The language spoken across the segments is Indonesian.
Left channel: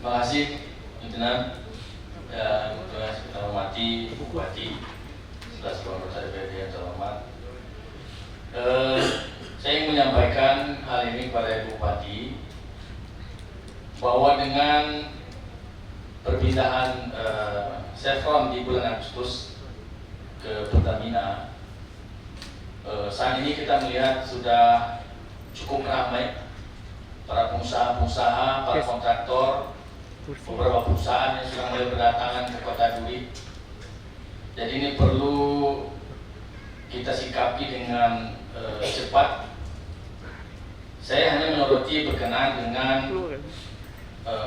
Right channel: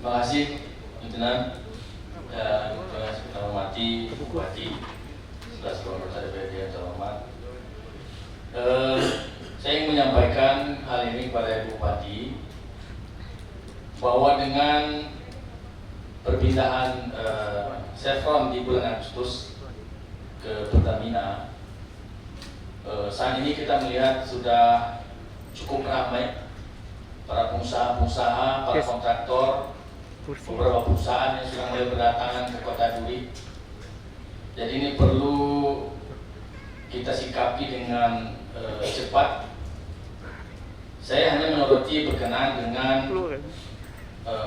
Terima kasih, Lieutenant. Ya, kita hormati Bupati, sebelah anggota DPRD yang terhormat. Saya ingin menyampaikan hal ini kepada Ibu Bupati bahwa dengan perpindahan Chevron di bulan Agustus ke Pertamina, saat ini kita melihat sudah cukup ramai para pengusaha-pengusaha, para kontraktor, beberapa perusahaan yang sudah mulai berdatangan ke Kota Duri. Jadi ini perlu kita sikapi dengan cepat. Saya hanya menyoroti berkenaan dengan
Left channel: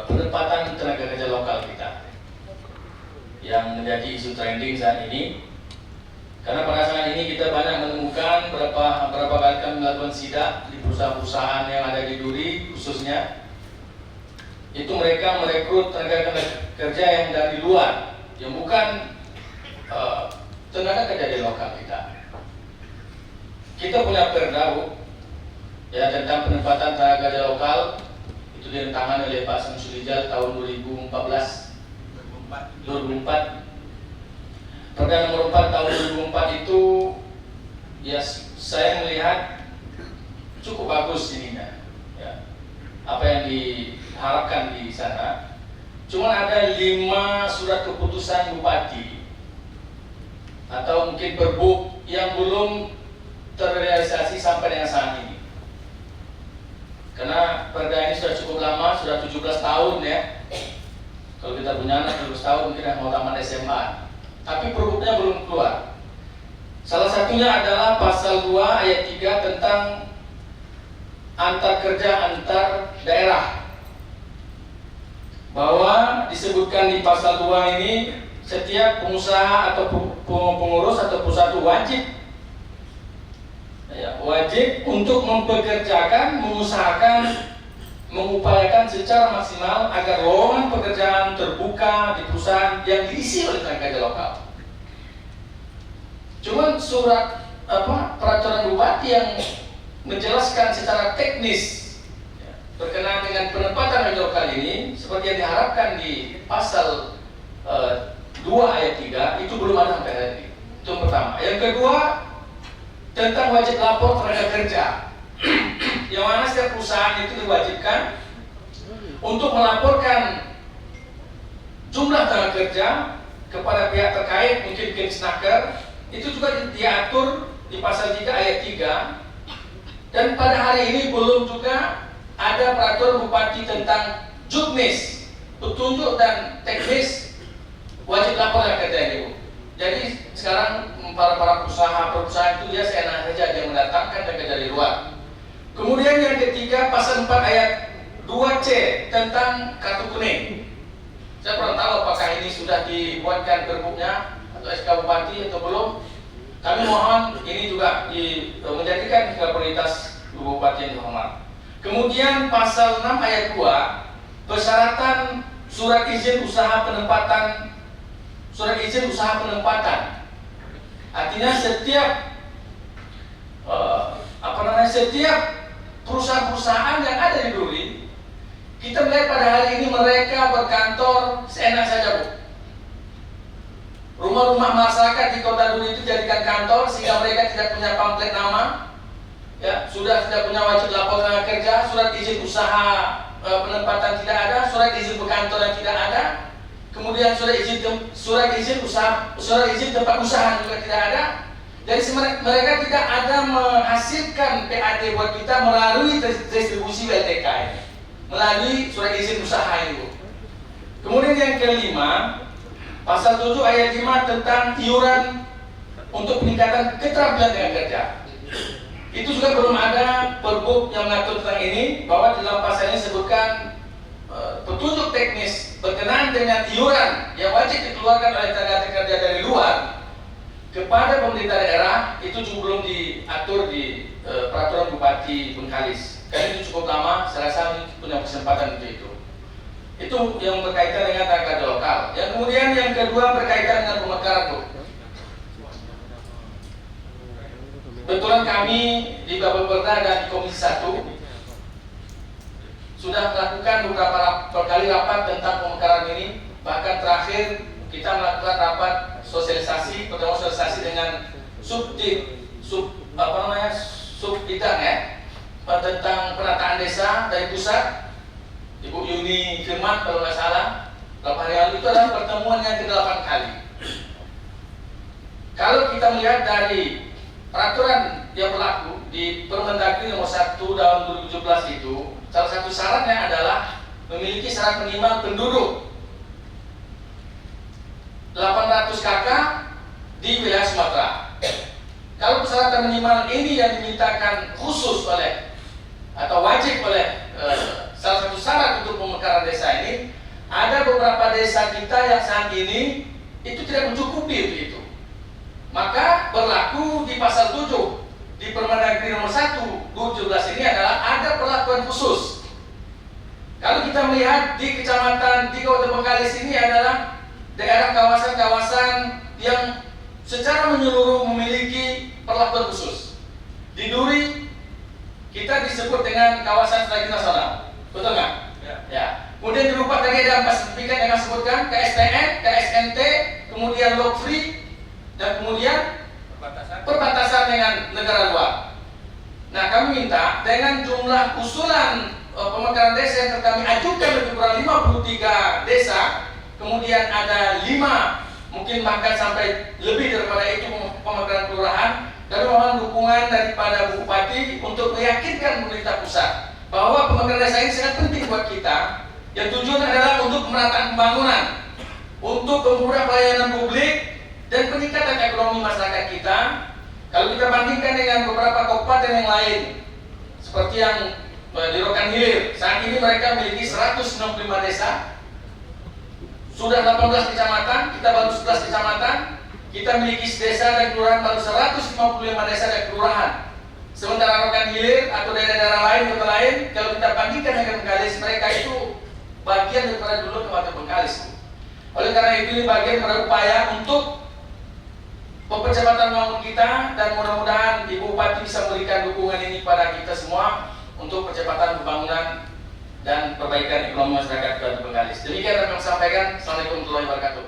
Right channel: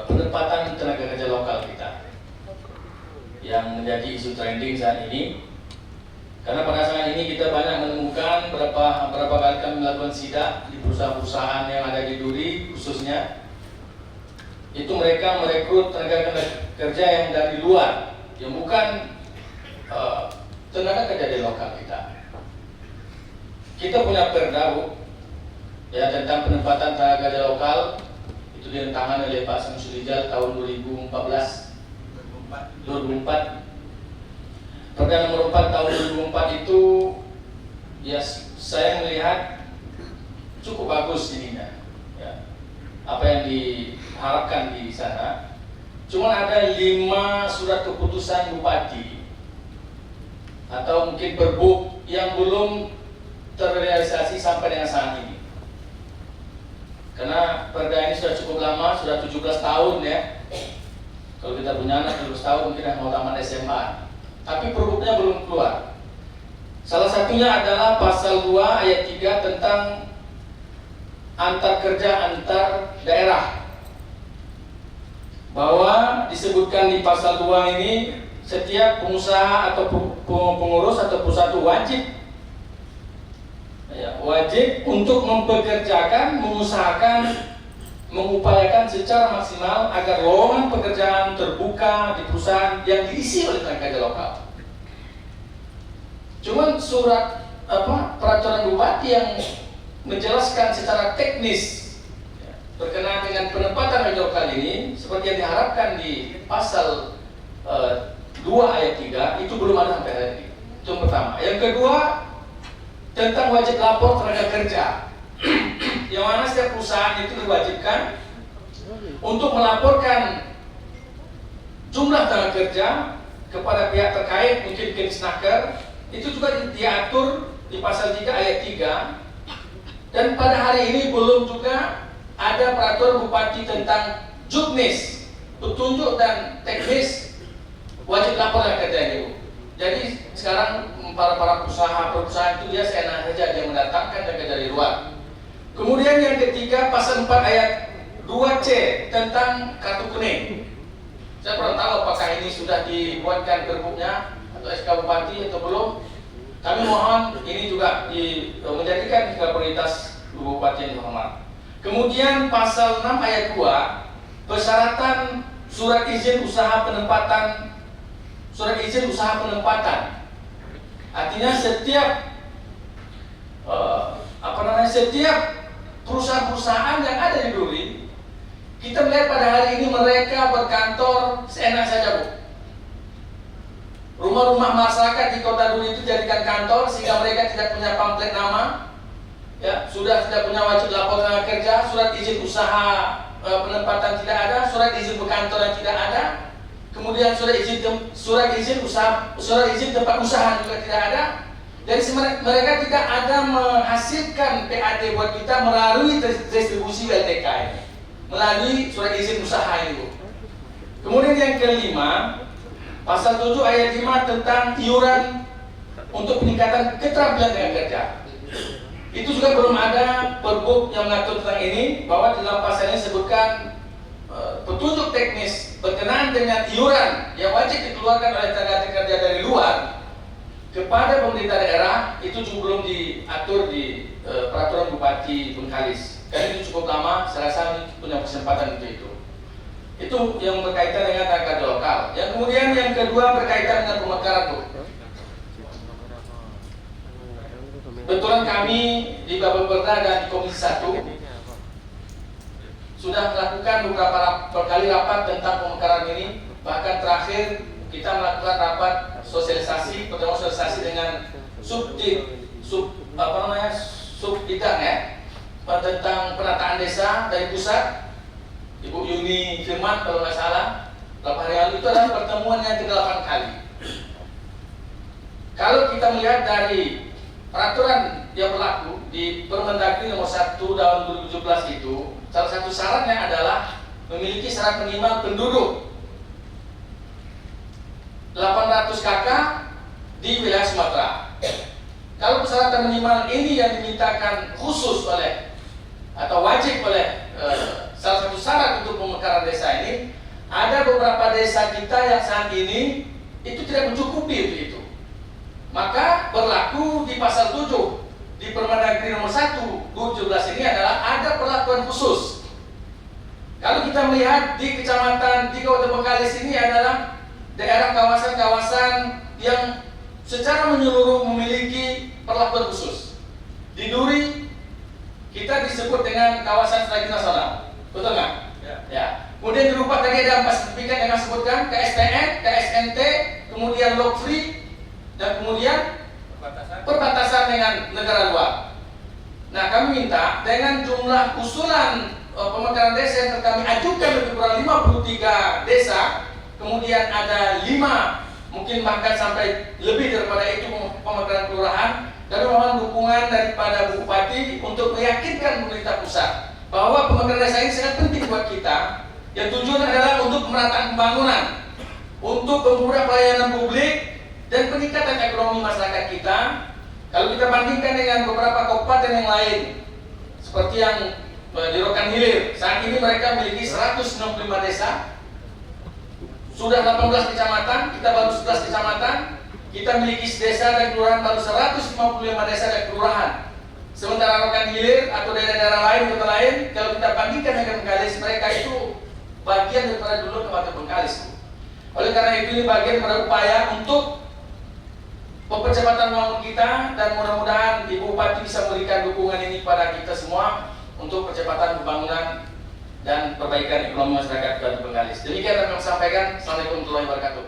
penempatan tenaga kerja lokal kita yang menjadi isu trending saat ini. Karena pada saat ini kita banyak menemukan berapa kali kami melakukan sidak di perusahaan-perusahaan yang ada di Duri khususnya, itu mereka merekrut tenaga kerja yang dari luar, yang bukan tenaga kerja di lokal kita. Kita punya perda ya tentang penempatan tenaga kerja lokal, itu ditentangkan oleh Pak Samsulijal tahun 2004. Perda nomor 4 tahun 2004 itu ya saya melihat cukup bagus ininya, ya. Apa yang diharapkan di sana. Cuma ada 5 surat keputusan Bupati atau mungkin Perbuk yang belum terrealisasi sampai dengan saat ini. Karena perda ini sudah cukup lama, sudah 17 tahun ya. Kalau kita punya anak 17 tahun mungkin mau tamat SMA. Tapi perbuknya belum keluar. Salah satunya adalah pasal 2 ayat 3 tentang antar kerja antar daerah, bahwa disebutkan di pasal 2 ini setiap pengusaha atau pengurus atau perusahaan itu wajib untuk mempekerjakan, mengusahakan, mengupayakan secara maksimal agar lowongan pekerjaan terbuka di perusahaan yang diisi oleh tenaga kerja lokal. Cuman surat peraturan Bupati yang menjelaskan secara teknis berkenaan dengan penempatan tenaga lokal ini seperti yang diharapkan di pasal 2 ayat 3 itu belum ada sampai hari ini. Itu yang pertama. Yang kedua, tentang wajib lapor tenaga kerja. Yang mana setiap perusahaan itu diwajibkan untuk melaporkan jumlah tenaga kerja kepada pihak terkait, mungkin Kemsnaker. Itu juga diatur di pasal 3 ayat 3. Dan pada hari ini belum juga ada peraturan Bupati tentang juknis, petunjuk dan teknis wajib lapor tenaga kerja ini. Jadi sekarang para perusahaan itu dia seenak saja dia mendatangkan tenaga kerja dari luar. Kemudian yang ketiga, pasal 4 ayat 2C tentang kartu kuning. Saya kurang tahu apakah ini sudah dibuatkan perbuknya atau SK Bupati atau belum. Kami mohon ini juga menjadikan prioritas Bupati yang terhormat. Kemudian pasal 6 ayat 2, persyaratan surat izin usaha penempatan. Artinya setiap perusahaan-perusahaan yang ada di Duri, kita melihat pada hari ini mereka berkantor seenak saja, Bu. Rumah-rumah masyarakat di Kota Duri itu jadikan kantor sehingga mereka tidak punya pamflet nama, ya, sudah tidak punya wajib lapor tenaga kerja, surat izin usaha penempatan tidak ada, surat izin berkantor yang tidak ada, kemudian surat izin tempat usaha juga tidak ada. Jadi mereka tidak ada menghasilkan PAT buat kita melalui distribusi WLTK ini, melalui surat izin usaha itu. Kemudian yang kelima, pasal 7 ayat 5 tentang iuran untuk peningkatan keterampilan tenaga kerja. Itu juga belum ada perbuk yang mengatur tentang ini, bahwa di dalam pasal ini disebutkan petunjuk teknis berkenaan dengan iuran yang wajib dikeluarkan oleh tenaga kerja dari luar kepada pemerintah daerah. Itu juga belum diatur di peraturan Bupati Bengkalis. Karena itu cukup lama, saya rasa punya kesempatan untuk itu. Itu yang berkaitan dengan tenaga kerja lokal. Yang kemudian yang kedua berkaitan dengan pemekaran, Bu. Kebetulan kami di Babel Perda dan di Komisi 1 sudah melakukan beberapa kali rapat tentang pemekaran ini. Bahkan terakhir kita melakukan rapat sosialisasi, pertemuan sosialisasi dengan subbidang ya, tentang penataan desa dari pusat, Ibu Yuni Firman kalau nggak salah, 8 hari lalu. Itu adalah pertemuan yang ke-8 kali. Kalau kita melihat dari peraturan yang berlaku di Permendagri nomor 1 tahun 2017 itu, salah satu syaratnya adalah memiliki syarat minimal penduduk 800 KK di wilayah Sumatera. Kalau persyaratan minimal ini yang dimintakan khusus oleh atau wajib oleh salah satu syarat untuk pemekaran desa ini, ada beberapa desa kita yang saat ini itu tidak mencukupi itu. Maka berlaku di pasal 7 di Permendagri nomor 1 2017 ini adalah ada perlakuan khusus. Kalau kita melihat di kecamatan di Kabupaten Bengkalis ini adalah daerah kawasan-kawasan yang secara menyeluruh memiliki perlakuan khusus. Di Duri kita disebut dengan kawasan strategi nasional, betul nggak? Ya. Kemudian di Rupak tadi ada 4 sertifikat yang saya sebutkan, KSTN, KSNT, kemudian Log Free, dan kemudian perbatasan dengan negara luar. Nah, kami minta dengan jumlah usulan pemekaran desa yang kami ajukan lebih kurang 53 desa, kemudian ada 5, mungkin bahkan sampai lebih daripada itu pemekaran kelurahan. Kami mohon dukungan daripada Bu Bupati untuk meyakinkan pemerintah pusat bahwa pemekaran desa ini sangat penting buat kita. Yang tujuan adalah untuk pemerataan pembangunan, untuk mempermudah pelayanan publik dan peningkatan ekonomi masyarakat kita. Kalau kita bandingkan dengan beberapa kabupaten yang lain, seperti yang di Rokan Hilir, saat ini mereka memiliki 165 desa, sudah 18 kecamatan, kita baru 11 kecamatan, kita memiliki desa dan kelurahan baru 155 desa dan kelurahan. Sementara Rokan Hilir atau daerah-daerah lain, kota lain, kalau kita bandingkan dengan Bengkalis, mereka itu bagian daripada dulu Kabupaten Bengkalis. Oleh karena itu ini bagian dari upaya untuk percepatan pembangunan kita, dan mudah-mudahan Ibu Bupati bisa memberikan dukungan ini kepada kita semua untuk percepatan pembangunan dan perbaikan ekonomi masyarakat Kabupaten Bengkalis. Demikian yang kami sampaikan. Assalamualaikum warahmatullahi wabarakatuh.